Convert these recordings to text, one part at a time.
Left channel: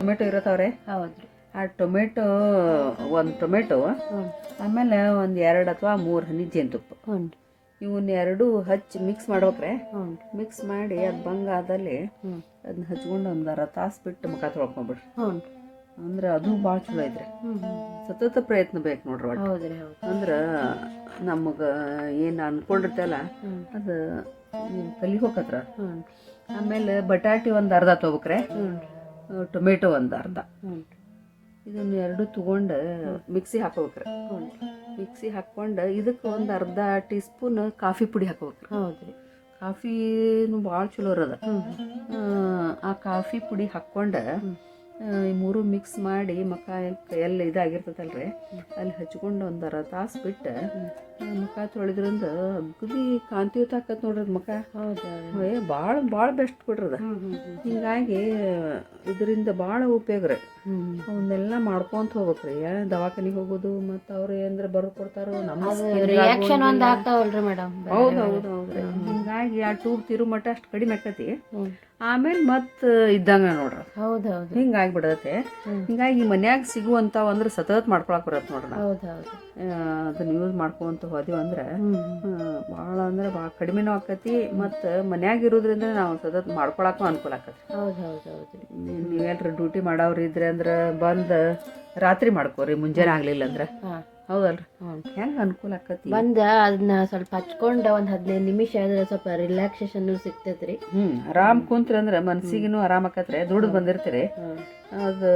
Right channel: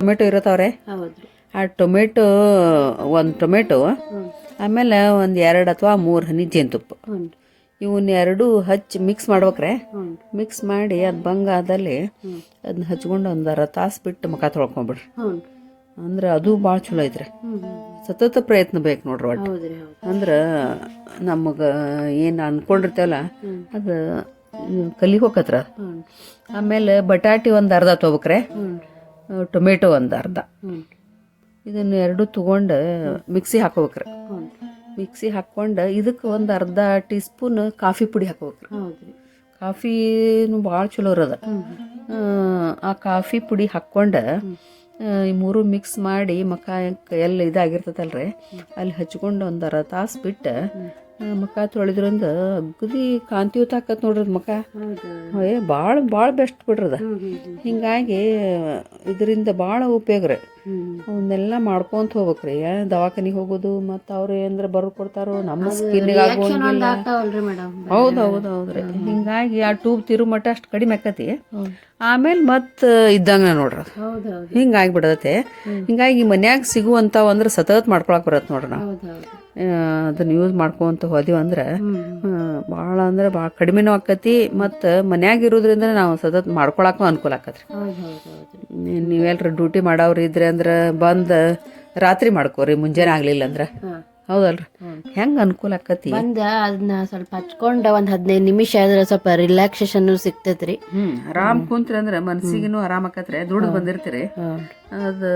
Tomato ಇರತ್ತವ್ರೆ? ಹೌದು ಆ tomato ಒಂದು ಟೊಮೆಟೊ ಆಮೇಲೆ ಒಂದು ಎರಡು ಅಥವಾ ಮೂರು ಹನಿ ಜೇನುತುಪ್ಪ. ಇವನ್ನ ಎರಡು ಹಚ್ಚಿ ಮಿಕ್ಸ್ ಮಾಡ್ಬೇಕ್ರೆ? ಮಿಕ್ಸ್ ಮಾಡಿ ಅದು ಬಂಗಾದಲ್ಲಿ ಅದನ್ನ ಹಚ್ಕೊಂಡು ಒಂದು ಅರ ತಾಸು ಬಿಟ್ಟು ಮುಖ ತೊಳ್ಕೊಂಬಿಡ್ರಿ. ಅಂದ್ರೆ ಅದು ಭಾಳ ಚಲೋ ಐತ್ರಿ. ಸತತ ಪ್ರಯತ್ನ ಬೇಕು ನೋಡ್ರಿ ಒಟ್ಟು. ಅಂದ್ರೆ ನಮಗೆ ಏನು ಅನ್ಕೊಂಡಿರ್ತೇವಲ್ಲ ಅದು ಕಲಿಗೋಕತ್ರ ಹ್ಞೂ ಆಮೇಲೆ ಬಟಾಟಿ ಒಂದು ಅರ್ಧ ತೊಗೋಬೇಕ್ರೆ ಟೊಮೆಟೊ ಒಂದು ಅರ್ಧ. ಇದನ್ನು ಎರಡು ತೊಗೊಂಡು ಮಿಕ್ಸಿ ಹಾಕೋಬೇಕ್ರಿ. ಮಿಕ್ಸಿ ಹಾಕ್ಕೊಂಡು ಇದಕ್ಕೆ ಒಂದು ಅರ್ಧ ಟೀ ಸ್ಪೂನ್ ಕಾಫಿ ಪುಡಿ ಹಾಕೋಬೇಕ್ರಿ. ಕಾಫಿನೂ ಭಾಳ ಚಲೋ ಇರೋದ. ಆ ಕಾಫಿ ಪುಡಿ ಹಾಕ್ಕೊಂಡು ಈ ಮೂರು ಮಿಕ್ಸ್ ಮಾಡಿ ಮಕ್ಕ ಎಲ್ಲಿ ಇದಾಗಿರ್ತದಲ್ರಿ ಅಲ್ಲಿ ಹಚ್ಕೊಂಡು ಒಂದು ಅರ್ಧ ತಾಸು ಬಿಟ್ಟು ಮುಖ ತೊಳೆದ್ರಿಂದ ಅಗದಿ ಕಾಂತಿಯುತ ಆಕತ್ ನೋಡ್ರಿ ಮುಖ ಏ ಭಾಳ ಭಾಳ ಬೆಸ್ಟ್ ಬಿಡ್ರದ ಹಿಂಗಾಗಿ ಇದರಿಂದ ಭಾಳ ಉಪಯೋಗ ರೀ. ಅವನ್ನೆಲ್ಲ ಮಾಡ್ಕೊಂತ ಹೋಗ್ಬೇಕ್ರಿ. ದವಾಖಾನಿಗೆ ಹೋಗೋದು ಮತ್ತು ಅವ್ರು ಏನಂದ್ರೆ ಬರ್ ಕೊಡ್ತಾರೋ ನಮ್ಮ ಹೌದು ಹೌದು ಹೌದ್ರಿ. ಹಿಂಗಾಗಿ ಆ ಟೂಬ್ ತಿರು ಮಟ್ಟ ಅಷ್ಟು ಕಡಿಮೆ ಆಕತಿ. ಆಮೇಲೆ ಮತ್ತೆ ಇದ್ದಂಗ ನೋಡ್ರಿ ಹಿಂಗಾಗಿ ಬಿಡತ್ತೆ ಹಿಂಗಾಗಿ ಮನ್ಯಾಗ ಸಿಗುವಂಥವು ಅಂದ್ರೆ ಸತತ್ ಮಾಡ್ಕೊಳಕ್ ಬರತ್ತೆ ನೋಡ್ರಿ ನಾವು. ಅದನ್ನ ಯೂಸ್ ಮಾಡ್ಕೊಂತ ಹೋದಿವಿ ಅಂದ್ರೆ ಹ್ಞೂ ಭಾಳ ಅಂದ್ರೆ ಭಾಳ ಕಡಿಮೆನೂ ಆಕತಿ ಮತ್ತು ಮನ್ಯಾಗ ಇರೋದ್ರಿಂದ ನಾವು ಸತತ್ ಮಾಡ್ಕೊಳಕ್ಕೂ ಅನುಕೂಲ ಆಕತ್ರಿ. ಹೌದು ಹೌದು ಹೌದು. ನೀ- ಡ್ಯೂಟಿ ಮಾಡೋರು ಇದ್ರೆ ಅಂದ್ರೆ ಬಂದು ರಾತ್ರಿ ಮಾಡ್ಕೋರಿ ಮುಂಜಾನೆ ಆಗ್ಲಿಲ್ಲ ಅಂದ್ರೆ. ಹೌದಲ್ರಿ? ಹೆಂಗೆ ಅನುಕೂಲ ಆಕತಿ? ಬಂದ ಅದನ್ನ ಸ್ವಲ್ಪ ಹಚ್ಕೊಂಡು ಒಂದು ಹದಿನೈದು ನಿಮಿಷ ಆದ್ರೆ ಸ್ವಲ್ಪ ರಿಲ್ಯಾಕ್ಸೇಷನ್ ಸಿಗ್ತೈತ್ರಿ. ಹ್ಮ್. ಆರಾಮ್ ಕುಂತ್ರಿ ಅಂದ್ರೆ ಮನ್ಸಿಗಿನೂ ಆರಾಮ್ ಆಕತ್ರಿ ದುಡ್ದು ಬಂದಿರ್ತೀರಿ. ಅದು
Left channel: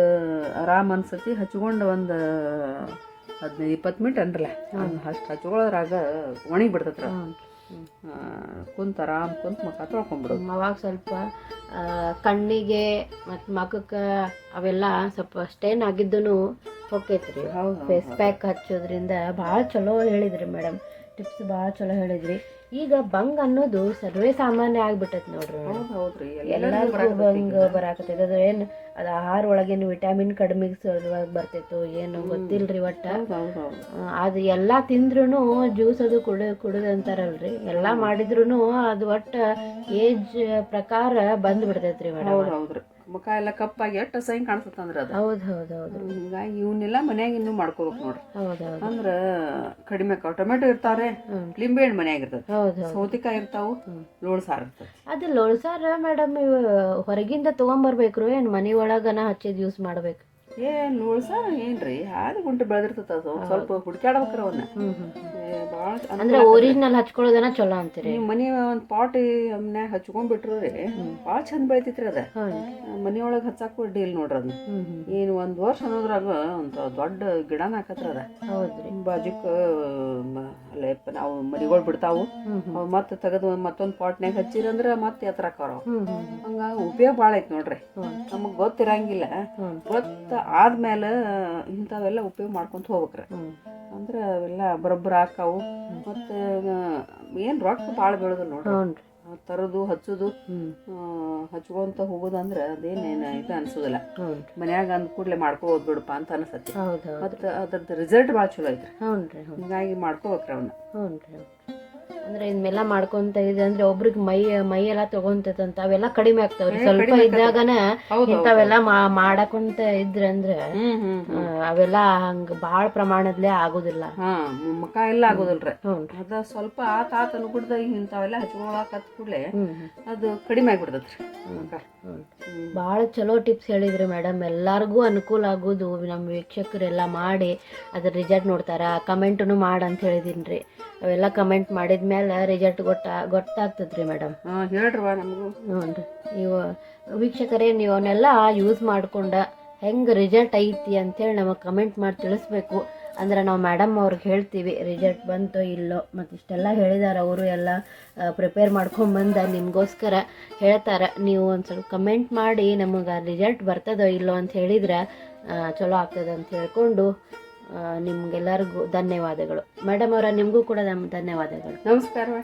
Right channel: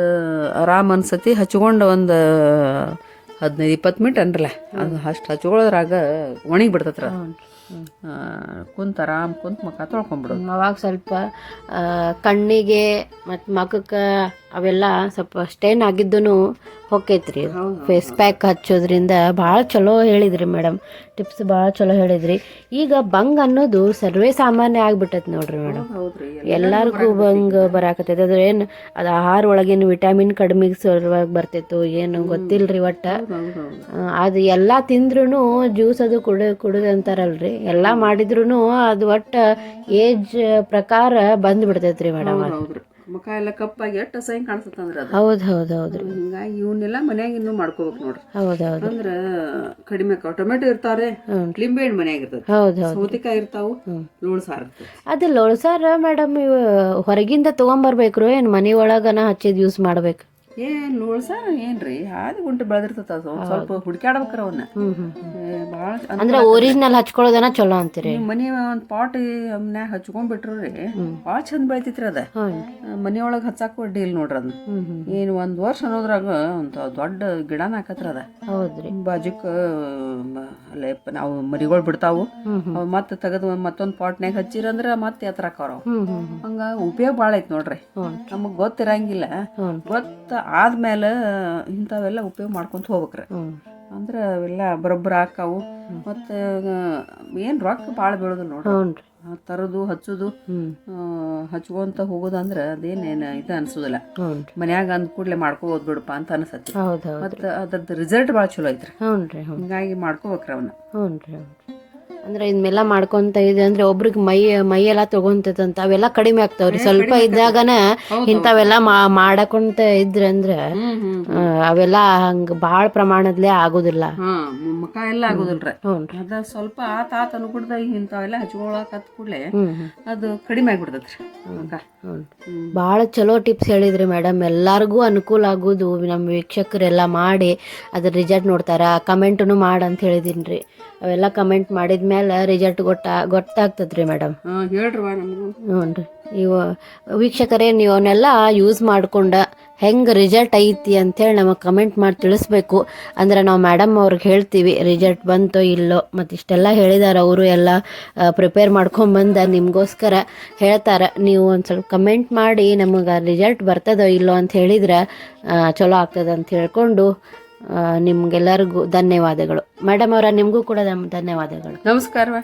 ಆರಾಮ್ ಅನ್ಸತಿ ಹಚ್ಕೊಂಡು ಒಂದು ಹದಿನೈದು ಇಪ್ಪತ್ತು ಮಿನಿಟ್ ಅನ್ರಲ್ಲ ಅದು ಅಷ್ಟು ಹಚ್ಕೊಳ್ಳೋದ್ರಾಗ ಒಣಗಿ ಬಿಡ್ತತ್ರ ಕುಂತ ಆರಾಮ್ ಕುಂತ ಮುಖ ತೊಳ್ಕೊಂಬಿಡೋದು ಅವಾಗ ಸ್ವಲ್ಪ ಕಣ್ಣಿಗೆ ಮತ್ತು ಮಖಕ್ಕೆ ಅವೆಲ್ಲ ಸ್ವಲ್ಪ ಸ್ಟೇನ್ ಆಗಿದ್ದೂ ಹೊಕ್ಕೈತ್ರಿ ಫೇಸ್ ಪ್ಯಾಕ್ ಹಚ್ಚೋದ್ರಿಂದ ಭಾಳ ಚಲೋ ಹೇಳಿದ್ರಿ ಮೇಡಮ್. ಟಿಪ್ಸ್ ಭಾಳ ಚಲೋ ಹೇಳಿದ್ರಿ. ಈಗ ಬಂಗ್ ಅನ್ನೋದು ಸರ್ವೇ ಸಾಮಾನ್ಯ ಆಗ್ಬಿಟ್ಟೈತೆ ನೋಡ್ರಿ ಮೇಡಮ್. ಎಲ್ಲಾರ್ಗೂ ಬಂಗ್ ಬರಾಕತ್ತೈತೆ. ಅದ್ರ ಏನು ಅದು ಆಹಾರ ಒಳಗಿನ ವಿಟಮಿನ್ ಕಡಿಮೆ ಸಲುವಾಗಿ ಬರ್ತೈತೋ ಏನು ಗೊತ್ತಿಲ್ರಿ ಒಟ್ಟ. ಅದು ಎಲ್ಲ ತಿಂದ್ರೂ ಜ್ಯೂಸ್ ಅದು ಕುಡ ಕುಡಿದು ಅಂತಾರಲ್ರಿ. ಎಲ್ಲ ಮಾಡಿದ್ರು ಅದು ಒಟ್ಟ ಏಜ್ ಪ್ರಕಾರ ಬಂದ್ಬಿಡ್ತೈತ್ರಿ ಮೇಡಮ್. ಮುಖ ಎಲ್ಲ ಕಪ್ಪಾಗಿ ಎಷ್ಟು ಅಸಹ್ಯ ಕಾಣಿಸ್ತಂದ್ರ ಅದು. ಹೌದು ಹೌದು ಹೌದು. ಹಿಂಗಾಗಿ ಇವನ್ನೆಲ್ಲ ಮನ್ಯಾಗ ಇನ್ನೂ ಮಾಡ್ಕೋಬೇಕು ನೋಡ್ರಿ. ಹೌದು ಹೌದು. ಅಂದ್ರೆ ಕಡಿಮೆ ಟೊಮೆಟೊ ಇರ್ತಾವ್ರೆ ಹ್ಞೂ ಲಿಂಬೆ ಹಣ್ಣು ಮನ್ಯಾಗ ಇರ್ತದೆ. ಹೌದು ಹೌದು. ಸೌತಿಕಾಯಿ ಇರ್ತಾವು. ಲೋಳ್ ಸಾರು ಅದು ಲೋಳ್ಸಾರ ಮೇಡಮ್ ಇವು ಹೊರಗಿಂದ ತೊಗೊಂಬರ್ಬೇಕ್ರು ಏನು ಮನೆ ಒಳಗನ ಹಚ್ಚಿದ್ ಯೂಸ್ ಮಾಡ್ಬೇಕು? ಏನ್ ನೋಡ್ಸಾರ ಸಾರು ಏನ್ರಿ? ಹಾದಿ ಗುಂಟು ಬೆಳೆದಿರ್ತದ ಅದು. ಸ್ವಲ್ಪ ಹುಡುಕ್ಯಾಡ್ಬೇಕ್ರ ಅವನ್ನ ಭಾಳ ಅಂದ್ರೆ ಒರಿಜಿನಲ್ ಹಚ್ಕೊಳ್ಳೋದನ ಚಲೋ ಅಂತೀರಿ. ಮನಿ ಒಂದ್ ಪಾಟ್ ಮನ್ಯಾಗ ಹಚ್ಕೊಂಡ್ಬಿಟ್ರಿ ಭಾಳ ಚಂದ ಬೆಳಿತೈತ್ರಿ ಅದ. ಮನಿಯೊಳಗ ಹಚ್ಚಾಕ ಡೀಲ್ ಇಲ್ಲ ನೋಡ್ರಿ ಅದನ್ನ ಏನು ಒಂದ್ ವರ್ಷ ಅನ್ನೋದ್ರಾಗ ಒಂದ್ ದೊಡ್ಡ ಗಿಡನ ಹಾಕತ್ರ ಅದ. ಬಾಜುಕ್ ಅಲ್ಲೇ ನಾವು ಮರಿಗಳು ಬಿಡ್ತಾವು. ಅವು ಮತ್ತೆ ತೆಗೆದು ಮತ್ತೊಂದು ಪಾಟ್ನ್ಯಾಗ ಹಚ್ಚಿರಂದ್ರ ಮತ್ತೆ ಎತ್ತರ ಆಕಾವ್ರ ಹ್ಮ್ ಹ್ಮ್ ಹ್ಮ್. ಹಂಗ ಉಪಯೋಗ ಭಾಳ ಐತಿ ನೋಡ್ರಿ ನಮಗೆ ಗೊತ್ತಿರಂಗಿಲ್ಲ. ಗೊತ್ತ ಆದ್ಮೇಲೆ ಇಂಥವೆಲ್ಲ ಉಪಯೋಗ ಮಾಡ್ಕೊಂತ ಹೋಗ್ಬೇಕ್ರಿ. ಅಂದ್ರೆ ಅವೆಲ್ಲ ಬರೋಬ್ಬರ ಹಾಕಾವು. ಮತ್ತು ಏನು ರೊಕ್ಕ ಭಾಳ ಬೀಳೋದು ನೋಡ್ರಿ. ತರದು ಹಚ್ಚುದು ಹಚ್ಕೊಂತ ಹೋಗೋದಂದ್ರೆ ಅದೇನೇನು ಇದು ಅನ್ಸೋದಿಲ್ಲ. ಮನ್ಯಾಗ ಅಂದ ಕೂಡಲೇ ಮಾಡ್ಕೋಬೋದು ಬಿಡಪ್ಪ ಅಂತ ಅನ್ಸತ್ತೆ. ಮತ್ತು ಅದ್ರದ್ದು ರಿಸಲ್ಟ್ ಭಾಳ ಚಲೋ ಐತ್ರಿ. ಹಿಂಗಾಗಿ ಮಾಡ್ಕೋಬೇಕ್ರಿ ಅವನ್ನ. ಹ್ಞೂ ರೀ ಅಂದ್ರೆ ಇದನ್ನೆಲ್ಲ ಮಾಡ್ಕೊಂತ ಇದೆ ಅಂದ್ರೆ ಒಬ್ರಿಗೆ ಮೈ ಮೈ ಎಲ್ಲ ತಗೊಂತೈತಂತ ಅವೆಲ್ಲ ಕಡಿಮೆ ಆಗ್ತಾವ್ರಿ. ಸ್ವಲ್ಪ ಇದ್ದಾಗನ ಇಂಥವೆಲ್ಲ ಮಾಡಕೊಂತ ಇದ್ರೆ ಅಂದ್ರೆ ಅವೆಲ್ಲ ಹಂಗ ಭಾಳ ಪ್ರಮಾಣದಲ್ಲಿ ಆಗೋದಿಲ್ಲ. ಮುಖ ಎಲ್ಲ ಆಗೋದಿಲ್ರಿ. ಅದ ಸ್ವಲ್ಪ ತಾತ ಆತ ಅನ್ಬಿಡ್ದ ಇಂಥವೆಲ್ಲ ಹಚ್ಕೊಳಕ್ ಹತ್ ಕೂಡಲೇ ಅದು ಕಡಿಮೆ ಆಗ್ಬಿಡ್ತೈತ್ರಿ ಭಾಳ ಚಲೋ ಟಿಪ್ಸ್ ಹೇಳಿದ್ರಿ ಮೇಡಮ್. ಎಲ್ಲರಿಗೂ ಅನುಕೂಲ ಆಗೋದು. ನಮ್ಮ ವೀಕ್ಷಕರೆಲ್ಲ ಮಾಡಿ ಅದ್ರ ರಿಸಲ್ಟ್ ನೋಡ್ತಾರ. ಕಮೆಂಟ್ನು ಮಾಡಿ ಅಂತ ಹೇಳಿದೀನಿ ರೀ ಅವೆಲ್ಲ ಕಮೆಂಟ್ ಮಾಡಿದ್ಮೇಲೆ ರಿಸಲ್ಟ್ ಗೊತ್ತ ಗೊತ್ತಾಗ್ತದೆ ರೀ ಮೇಡಮ್ ಹ್ಞೂ ರೀ ಇವ ವೀಕ್ಷಕರೇ ನೀವು ಅವನ್ನೆಲ್ಲ ಯೂಸ್ ಮಾಡ್ಕೊಂಡ ಹೆಂಗೆ ರಿಸಲ್ಟ್ ಐತಿ ಅಂತೇಳಿ ನಮಗೆ ಕಮೆಂಟ್ ಮಾಡಿ ತಿಳಿಸ್ಬೇಕು. ಅಂದ್ರೆ ನಾವು ಮೇಡಮ್ ಅವ್ರಿಗೆ ಹೇಳ್ತೀವಿ ರಿಸಲ್ಟ್ ಬಂತೋ ಇಲ್ಲೋ ಮತ್ತು ಇಷ್ಟೆಲ್ಲ ಹೇಳಿದಾರೆ ಅವರು ಎಲ್ಲ ಪ್ರಿಪೇರ್ ಮಾಡ್ಕೊಂಬಂದ ನಿಮಗೋಸ್ಕರ ಹೇಳ್ತಾರೆ. ನೀವು ಒಂದು ಸ್ವಲ್ಪ ಕಮೆಂಟ್ ಮಾಡಿ ನಮಗೆ ರಿಸಲ್ಟ್ ಬರ್ತದೋ ಇಲ್ಲೋ ಅಂತ ಹೇಳಿದ್ರೆ ಚಲೋ ಆಗ್ತದೆ ಅಂತ ಹೇಳ್ಕೊಂಡು ನಿಮ್ಗೆಲ್ಲರಿಗೂ ಧನ್ಯವಾದಗಳು. ಮೇಡಮ್ ಅವರ ನಿಮಗೂ ಕೂಡ ಧನ್ಯವಾದಗಳು. ನಮಸ್ಕಾರವ.